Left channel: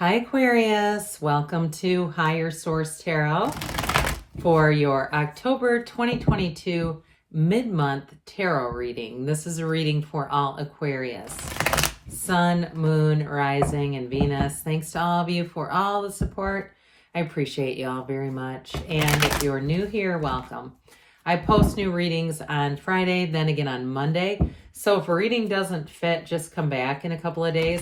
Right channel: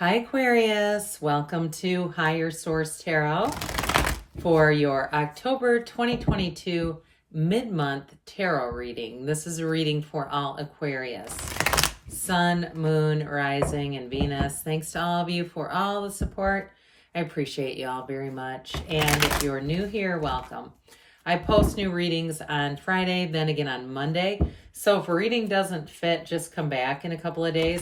Hi Aquarius, welcome to Higher Source Tarot for your October 2022 mid-month tarot reading. This is a reading for all Aquarius. Sun, Moon, Rising, and Venus. Thanks to all of you for all the support. I appreciate you all very much. And if you're new here, welcome. I post new readings on Friday, then again on Monday. So if a reading doesn't fit, just come back in a couple of days.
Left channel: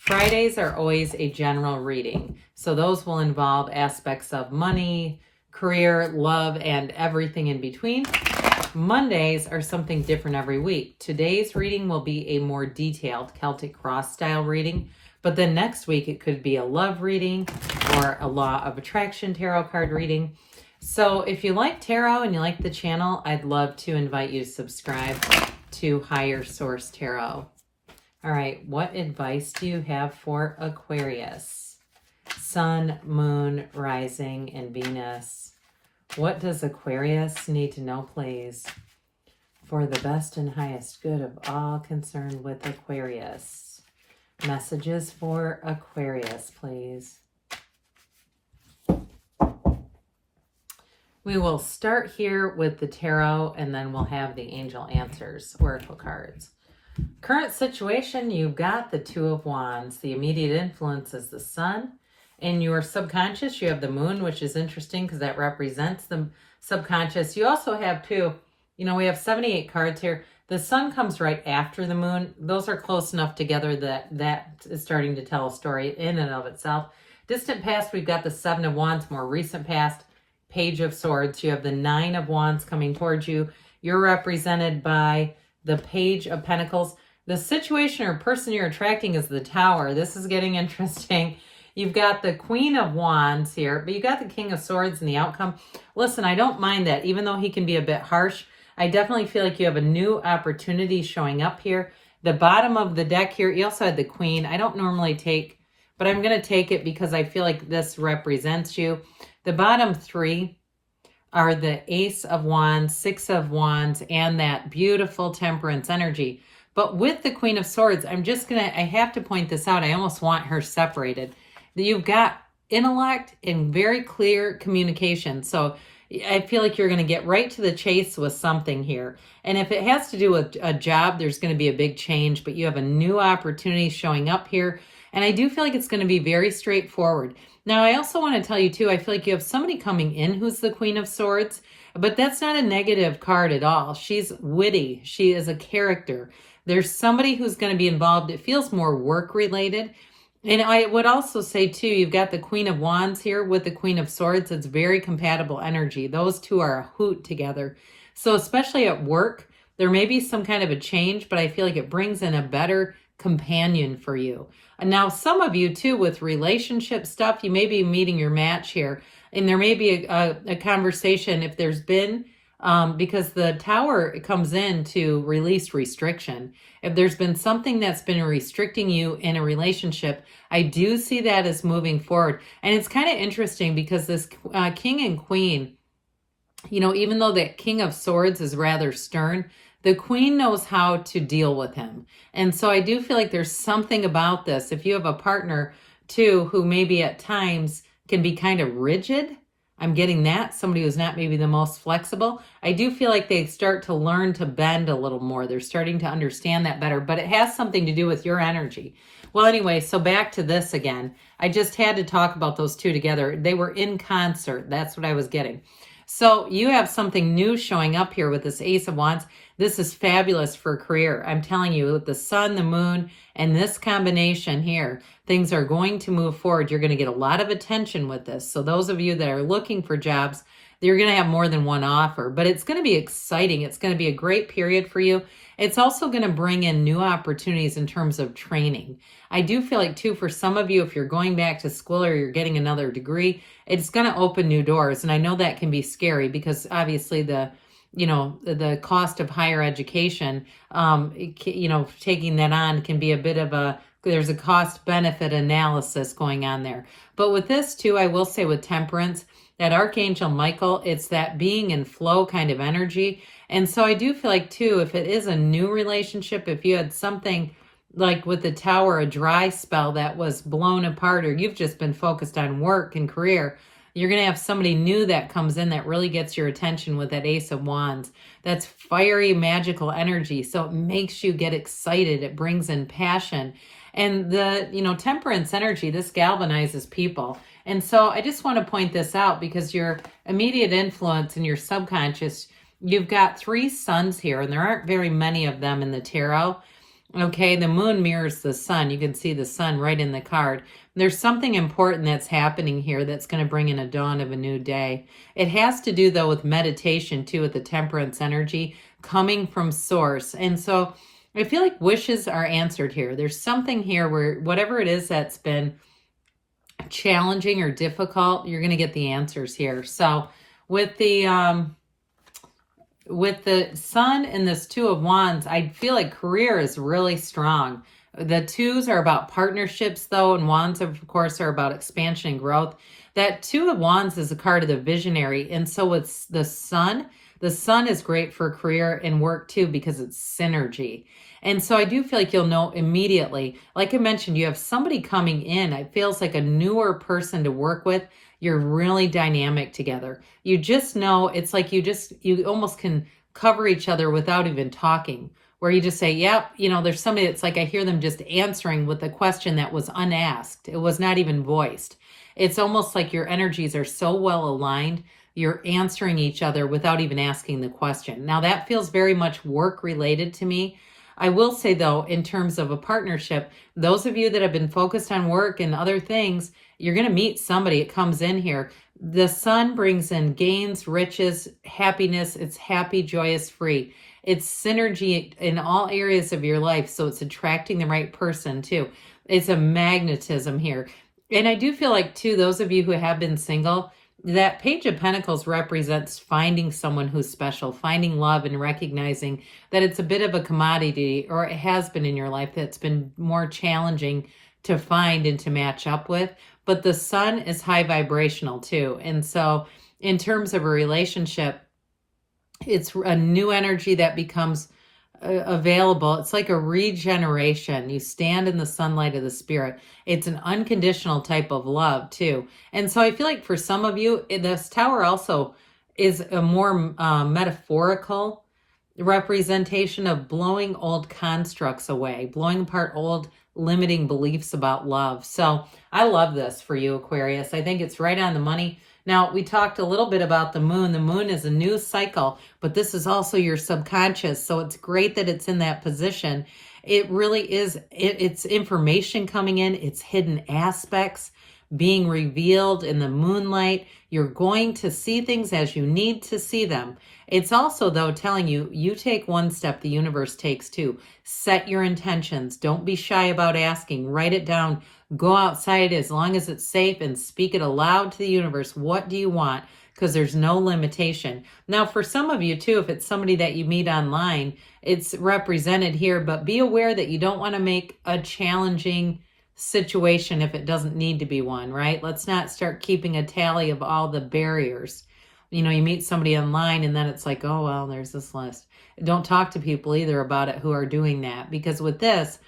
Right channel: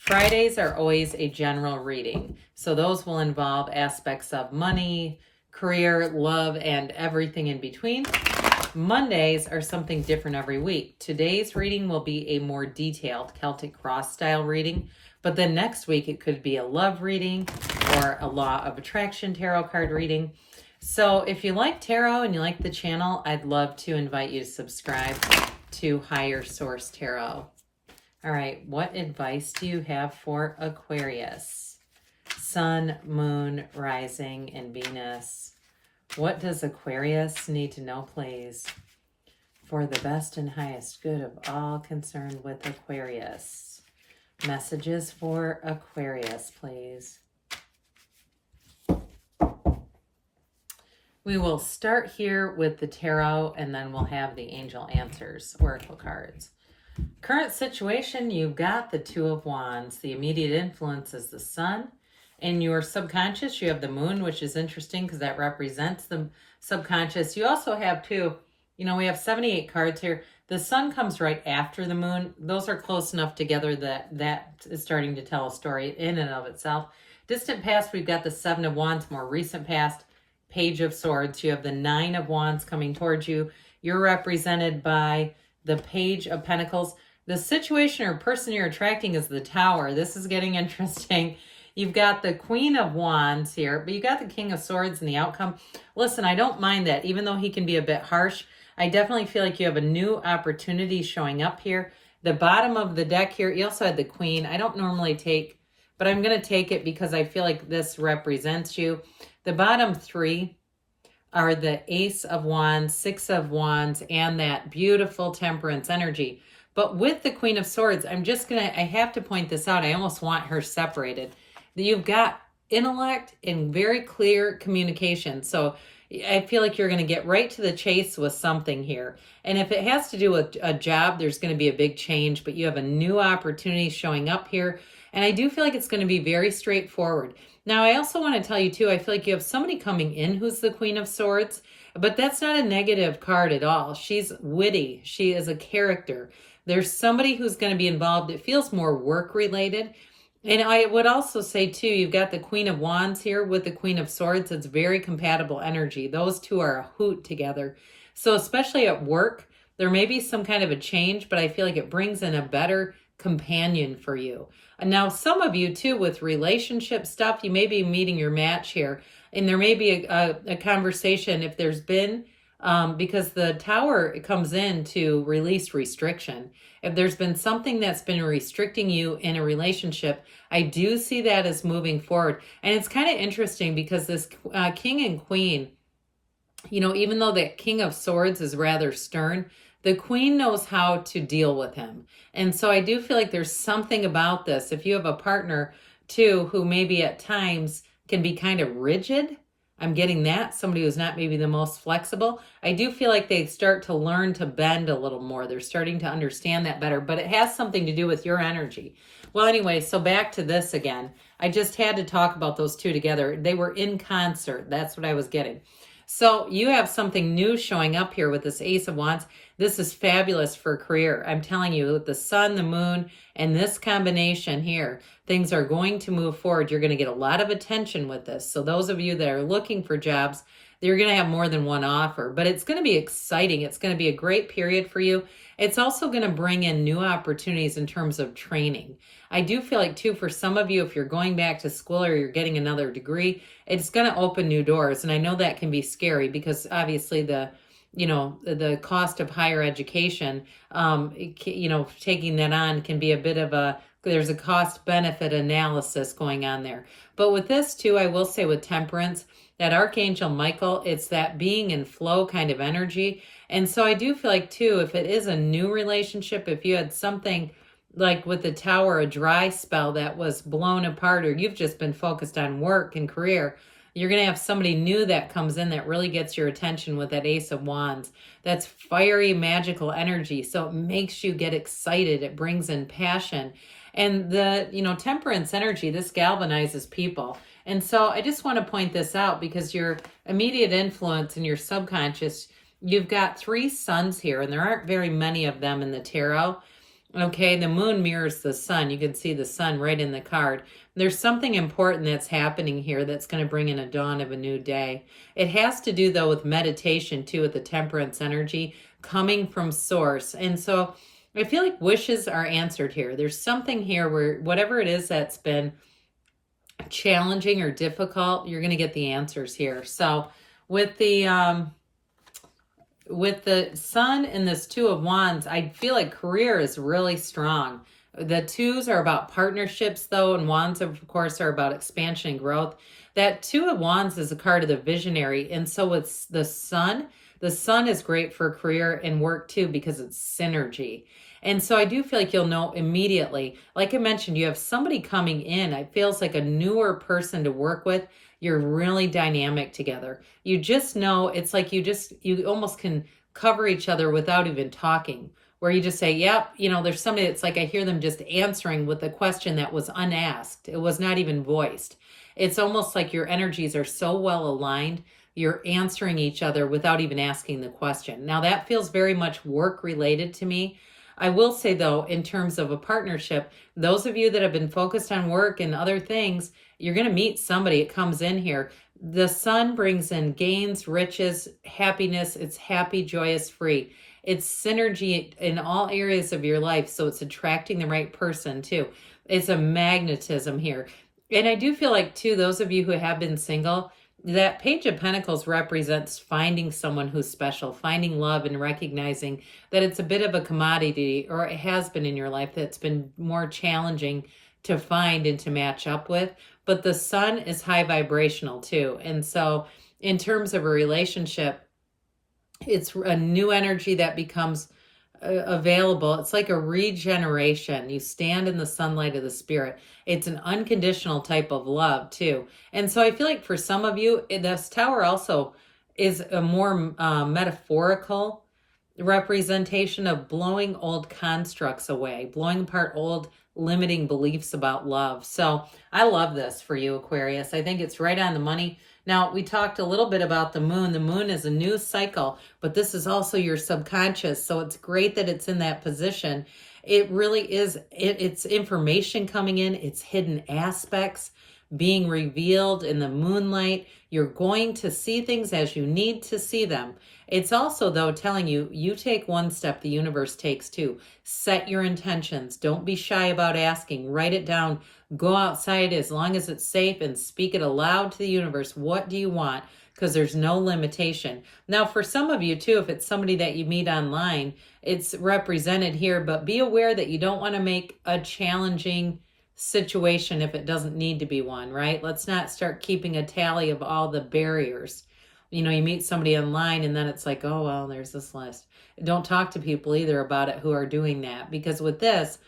Fridays are always a general reading. So those will involve aspects of money, career, love, and everything in between. Mondays are something different every week. Today's reading will be a more detailed Celtic Cross style reading, but then next week it could be a love reading or a Law of Attraction tarot card reading. So if you like tarot and you like the channel, I'd love to invite you to subscribe to Higher Source Tarot. All right, what advice do you have for Aquarius? Sun, Moon, Rising, and Venus. What does Aquarius need to know, please, for the best and highest good of all concerned with Aquarius? Messages for Aquarius, please. We will start here with the tarot, and then we'll have the angel answers, oracle cards. Current situation, you've got the Two of Wands. The immediate influence is the sun. In your subconscious, you have the moon, which is interesting because that represents the subconscious. You also have we have 78 cards here. The sun comes right after the moon. Those are close enough together that is starting to tell a story in and of itself. Distant past, we've got the Seven of Wands. More recent past, Page of Swords. You have the Nine of Wands coming towards you. You're represented by the Page of Pentacles. The situation or person you're attracting is the Tower. This is getting interesting. You've got the Queen of Wands here, but you got the King of Swords in the outcome. Listen, I don't mind that. Even though he can be a bit harsh, I definitely feel like you have a new opportunity showing up here. The bottom of the deck here, you also had the Queen. I don't normally take, but I'm going to take it because I feel like this represents you. The bottom three are the Ace of Wands, Six of Wands, and that beautiful Temperance energy. But with the Queen of Swords, I have to point this out. I almost want her separated. You've got intellect and very clear communication. So I feel like you're going to get right to the chase with something here. And if it has to do with a job, there's going to be a big change, but you have a new opportunity showing up here. And I do feel like it's going to be very straightforward. Now, I also want to tell you, too, I feel like you have somebody coming in who's the Queen of Swords, but that's not a negative card at all. She's witty. She is a character. There's somebody who's going to be involved. It feels more work-related. And I would also say, too, you've got the Queen of Wands here with the Queen of Swords. It's very compatible energy. Those two are a hoot together. So especially at work, there may be some kind of a change, but I feel like it brings in a better companion for you. And now some of you too with relationship stuff, you may be meeting your match here, and there may be a conversation if there's been, because the Tower comes in to release restriction. If there's been something that's been restricting you in a relationship, I do see that as moving forward. And it's kind of interesting because this King and Queen, even though the King of Swords is rather stern, the Queen knows how to deal with him. And so I do feel like there's something about this. If you have a partner, too, who maybe at times can be kind of rigid, I'm getting that. Somebody who's not maybe the most flexible. I do feel like they start to learn to bend a little more. They're starting to understand that better, but it has something to do with your energy. Well, anyway, so back to this again. I just had to talk about those two together. They were in concert. That's what I was getting. So you have something new showing up here with this Ace of Wands. This is fabulous for a career. I'm telling you, with the sun, the moon, and this combination here, things are going to move forward. You're going to get a lot of attention with this. So those of you that are looking for jobs, you're going to have more than one offer, but it's going to be exciting. It's going to be a great period for you. It's also going to bring in new opportunities in terms of training. I do feel like, too, for some of you, if you're going back to school or you're getting another degree, it's going to open new doors. And I know that can be scary because obviously the cost of higher education, taking that on can be a bit of there's a cost benefit analysis going on there. But with this too, I will say with Temperance, that Archangel Michael, it's that being in flow kind of energy. And so I do feel like too, if it is a new relationship, if you had something like with the Tower, a dry spell that was blown apart, or you've just been focused on work and career, you're going to have somebody new that comes in that really gets your attention with that Ace of Wands. That's fiery, magical energy. So it makes you get excited. It brings in passion. And the, Temperance energy, this galvanizes people. And so I just want to point this out because your immediate influence in your subconscious, you've got 3 suns here, and there aren't very many of them in the tarot. Okay, the moon mirrors the sun. You can see the sun right in the card. There's something important that's happening here that's going to bring in a dawn of a new day. It has to do, though, with meditation, too, with the temperance energy coming from source. And so I feel like wishes are answered here. There's something here where whatever it is that's been challenging or difficult, you're going to get the answers here. So with the sun and this 2 of Wands, I feel like career is really strong. The 2s are about partnerships, though, and Wands, of course, are about expansion and growth. That 2 of Wands is a card of the visionary, and so it's the sun is great for career and work, too, because it's synergy. And so I do feel like you'll know immediately. Like I mentioned, you have somebody coming in. It feels like a newer person to work with. You're really dynamic together. You just know, it's like you almost can cover each other without even talking, where you just say, yep, there's somebody that's like, I hear them just answering with a question that was unasked. It was not even voiced. It's almost like your energies are so well aligned, you're answering each other without even asking the question. Now that feels very much work related to me. I will say, though, in terms of a partnership, those of you that have been focused on work and other things, you're going to meet somebody. It comes in here. The sun brings in gains, riches, happiness. It's happy, joyous, free. It's synergy in all areas of your life. So it's attracting the right person, too. It's a magnetism here. And I do feel like, too, those of you who have been single, that Page of Pentacles represents finding someone who's special, finding love and recognizing that it's a bit of a commodity, or it has been in your life, that's been more challenging to find and to match up with. But the sun is high vibrational too. And so in terms of a relationship, it's a new energy that becomes available. It's like a regeneration. You stand in the sunlight of the spirit. It's an unconditional type of love too. And so I feel like for some of you, this Tower also is a more metaphorical representation of blowing old constructs away, blowing apart old limiting beliefs about love. So I love this for you, Aquarius. I think it's right on the money. Now, we talked a little bit about the moon. The moon is a new cycle, but this is also your subconscious. So it's great that it's in that position. It really is. It's information coming in. It's hidden aspects being revealed in the moonlight. You're going to see things as you need to see them. It's also, though, telling you, you take one step, the universe takes 2. Set your intentions. Don't be shy about asking. Write it down. Go outside as long as it's safe and speak it aloud to the universe. What do you want? Because there's no limitation. Now, for some of you, too, if it's somebody that you meet online, it's represented here, but be aware that you don't want to make a challenging situation if it doesn't need to be one, right? Let's not start keeping a tally of all the barriers. You meet somebody online and then it's like, oh, well, there's this list. Don't talk to people either about it who are doing that, because with this,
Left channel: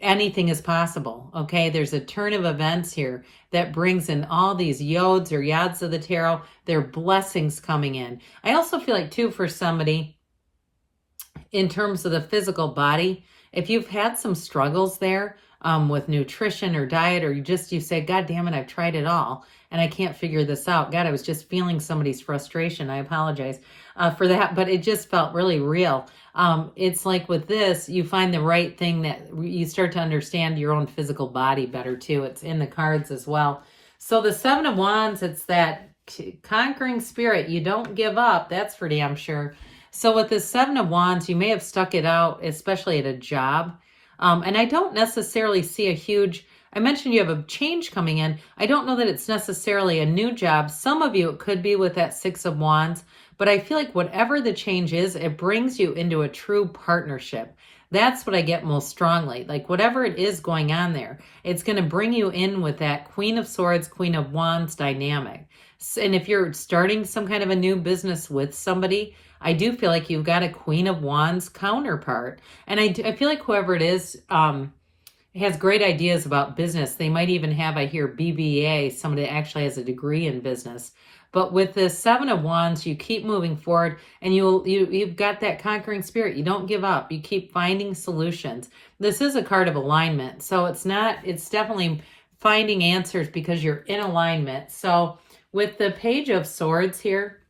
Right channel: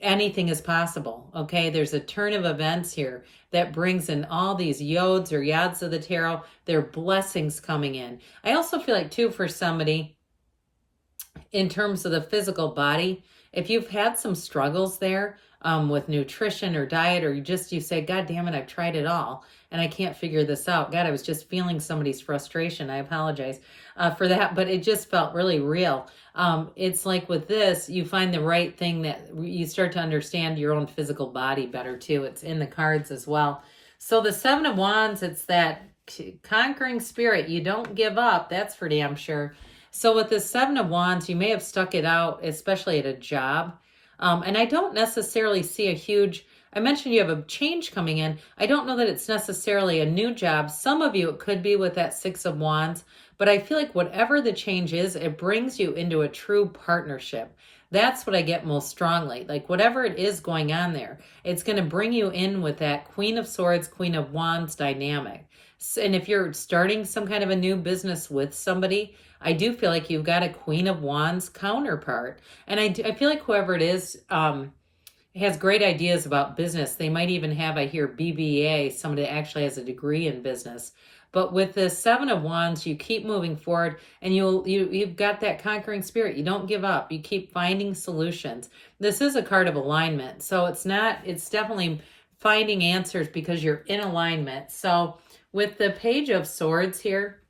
anything is possible, okay? There's a turn of events here that brings in all these yods or yads of the tarot. There are blessings coming in. I also feel like, too, for somebody, in terms of the physical body, if you've had some struggles there with nutrition or diet, or you say, God damn it, I've tried it all and I can't figure this out. God, I was just feeling somebody's frustration. I apologize for that, but it just felt really real. It's like with this, you find the right thing that you start to understand your own physical body better too. It's in the cards as well. So the 7 of Wands, it's that conquering spirit. You don't give up. That's for damn sure. So with the 7 of Wands, you may have stuck it out, especially at a job. And I don't necessarily see a huge, I mentioned you have a change coming in. I don't know that it's necessarily a new job. Some of you, it could be with that 6 of Wands, but I feel like whatever the change is, it brings you into a true partnership. That's what I get most strongly. Like whatever it is going on there, it's going to bring you in with that Queen of Swords, Queen of Wands dynamic. And if you're starting some kind of a new business with somebody, I do feel like you've got a Queen of Wands counterpart. And I feel like whoever it is, has great ideas about business. They might even have, I hear, BBA, somebody that actually has a degree in business. But with the Seven of Wands, you keep moving forward, and you've got that conquering spirit. You don't give up. You keep finding solutions. This is a card of alignment, so it's definitely finding answers because you're in alignment. So with the Page of Swords here,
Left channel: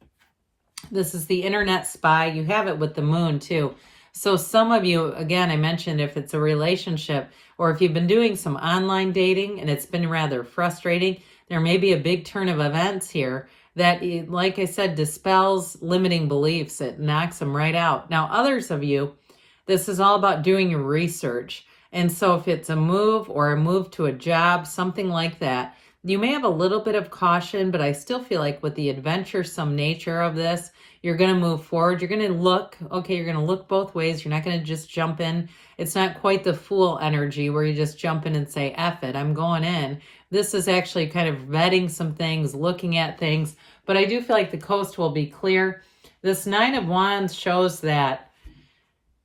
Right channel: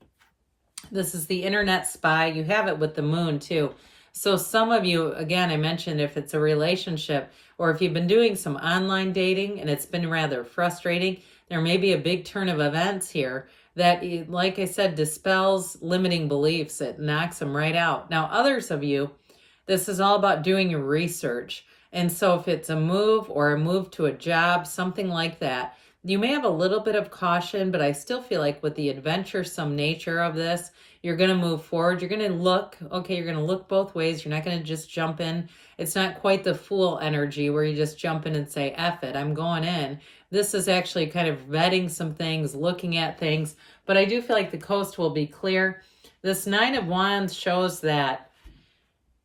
this is the internet spy. You have it with the moon too. So some of you, again, I mentioned if it's a relationship or if you've been doing some online dating and it's been rather frustrating, there may be a big turn of events here that, like I said, dispels limiting beliefs. It knocks them right out. Now, others of you, this is all about doing your research. And so if it's a move or a move to a job, something like that, you may have a little bit of caution, but I still feel like with the adventuresome nature of this, you're going to move forward. You're going to look, okay, you're going to look both ways. You're not going to just jump in. It's not quite the fool energy where you just jump in and say, F it, I'm going in. This is actually kind of vetting some things, looking at things, but I do feel like the coast will be clear. This Nine of Wands shows that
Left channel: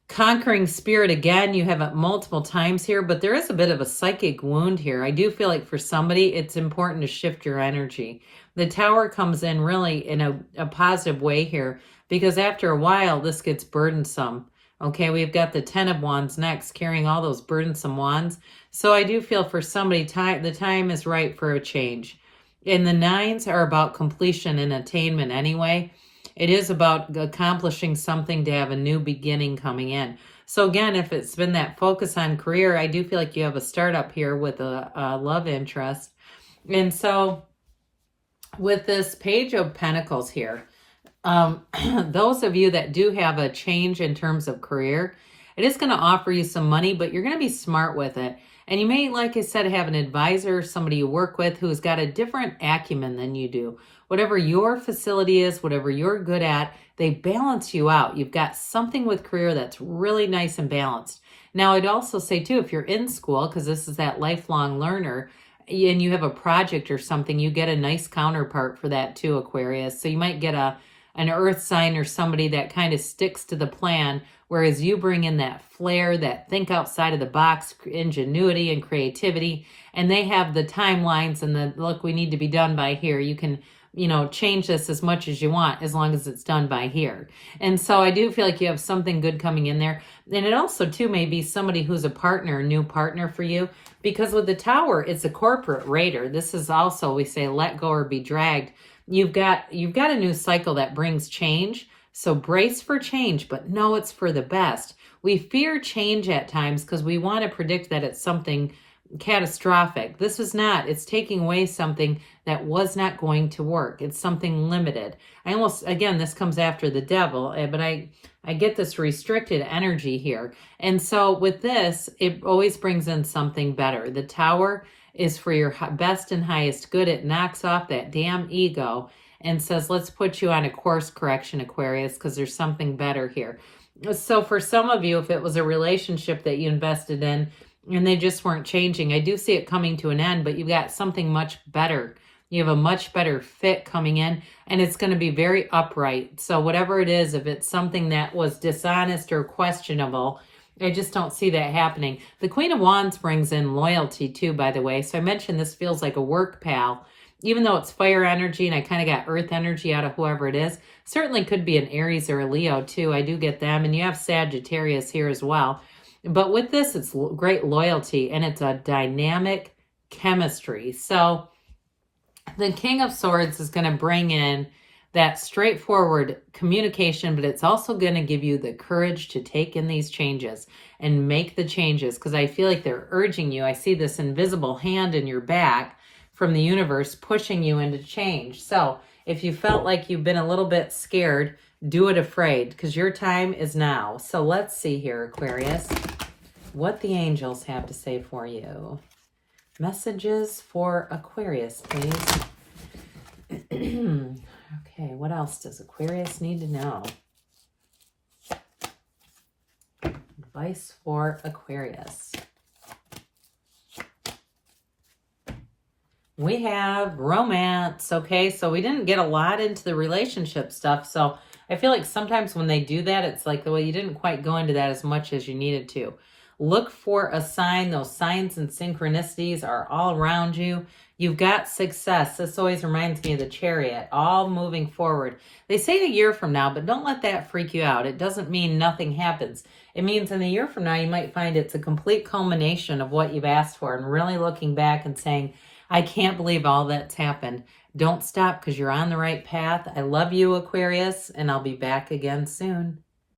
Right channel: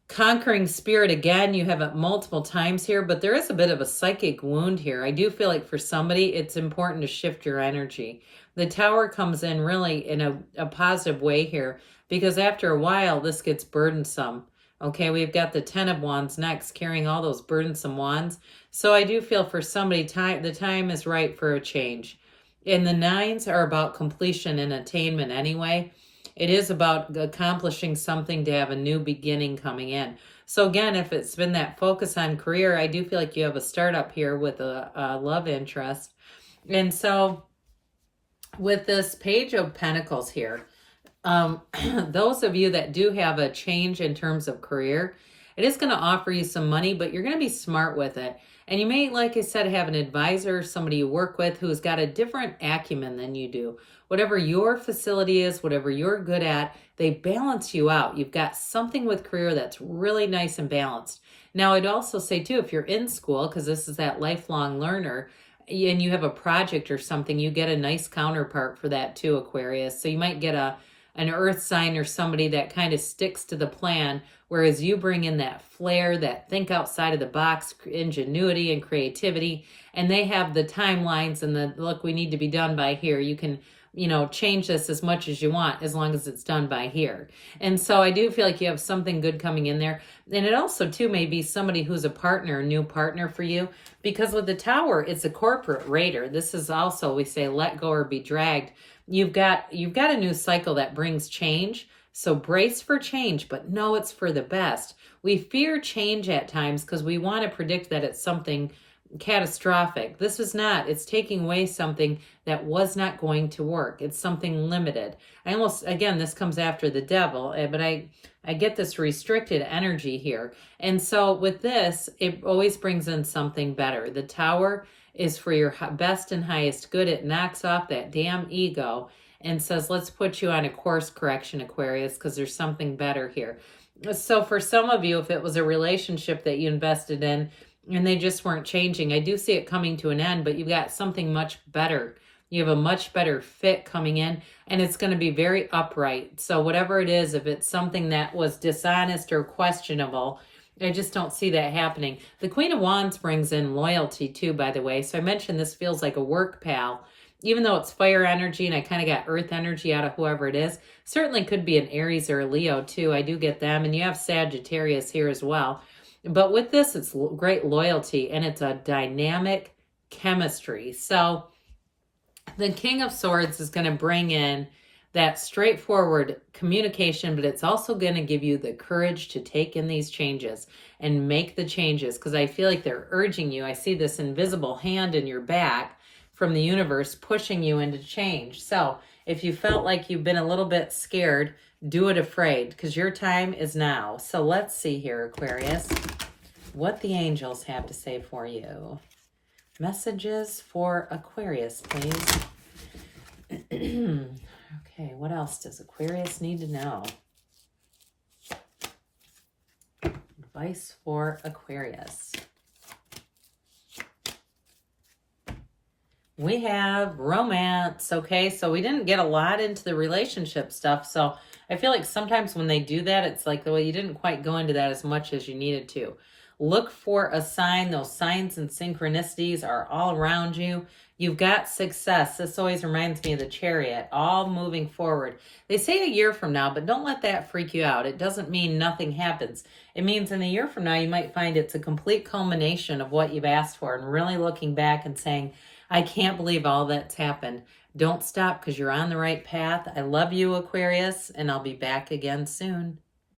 conquering spirit. Again, you have it multiple times here, but there is a bit of a psychic wound here. I do feel like for somebody, it's important to shift your energy. The Tower comes in really in a positive way here because after a while, this gets burdensome. Okay, we've got the Ten of Wands next, carrying all those burdensome wands. So I do feel for somebody, the time is right for a change. And the nines are about completion and attainment anyway. It is about accomplishing something to have a new beginning coming in. So again, if it's been that focus on career, I do feel like you have a startup here with a love interest. And so with this Page of Pentacles here, those of you that do have a change in terms of career, it is going to offer you some money, but you're going to be smart with it. And you may, like I said, have an advisor, somebody you work with who's got a different acumen than you do. Whatever your facility is, whatever you're good at, they balance you out. You've got something with career that's really nice and balanced. Now, I'd also say too, if you're in school, because this is that lifelong learner, and you have a project or something, you get a nice counterpart for that too, Aquarius. So you might get an earth sign or somebody that kind of sticks to the plan, whereas you bring in that flair, that think outside of the box, ingenuity and creativity, and they have the timelines and the, look, we need to be done by here. You can, change this as much as you want as long as it's done by here. And so I do feel like you have something good coming in there. And it also too may be somebody who's a partner, a new partner for you, because with the Tower, it's a corporate raider. This is also, we say, let go or be dragged. You've got a new cycle that brings change. So brace for change, but know it's for the best. We fear change at times because we want to predict that it's something catastrophic. This is not. It's taking away something that was not going to work. It's something limited. Again, this comes after the devil, but I get this restricted energy here. And so with this, it always brings in something better. The Tower is for your best and highest good. It knocks off that damn ego and says, let's put you on a course correction, Aquarius, because there's something better here. So for some of you, if it was a relationship that you invested in and they just weren't changing, I do see it coming to an end, but you've got something much better. You have a much better fit coming in, and it's going to be very upright. So whatever it is, if it's something that was dishonest or questionable, I just don't see that happening. The Queen of Wands brings in loyalty too, by the way. So I mentioned this feels like a work pal. Even though it's fire energy and I kind of got earth energy out of whoever it is, certainly could be an Aries or a Leo too. I do get them. And you have Sagittarius here as well. But with this, it's great loyalty and it's a dynamic chemistry. So the King of Swords is going to bring in that straightforward communication, but it's also going to give you the courage to take in these changes and make the changes, because I feel like they're urging you. I see this invisible hand in your back from the universe pushing you into change. So if you felt like you've been a little bit scared, do it afraid, because your time is now. So let's see here, Aquarius, what the angels have to say for you. Messages for Aquarius, please. Okay, what else does Aquarius need to know? Advice for Aquarius. We have romance, okay? So we didn't get a lot into the relationship stuff. So I feel like sometimes when they do that, it's like, well, you didn't quite go into that as much as you needed to. Look for a sign. Those signs and synchronicities are all around you. You've got success. This always reminds me of the Chariot, all moving forward. They say a year from now, but don't let that freak you out. It doesn't mean nothing happens. It means in a year from now, you might find it's a complete culmination of what you've asked for, and really looking back and saying, I can't believe all that's happened. Don't stop, because you're on the right path. I love you, Aquarius, and I'll be back again soon.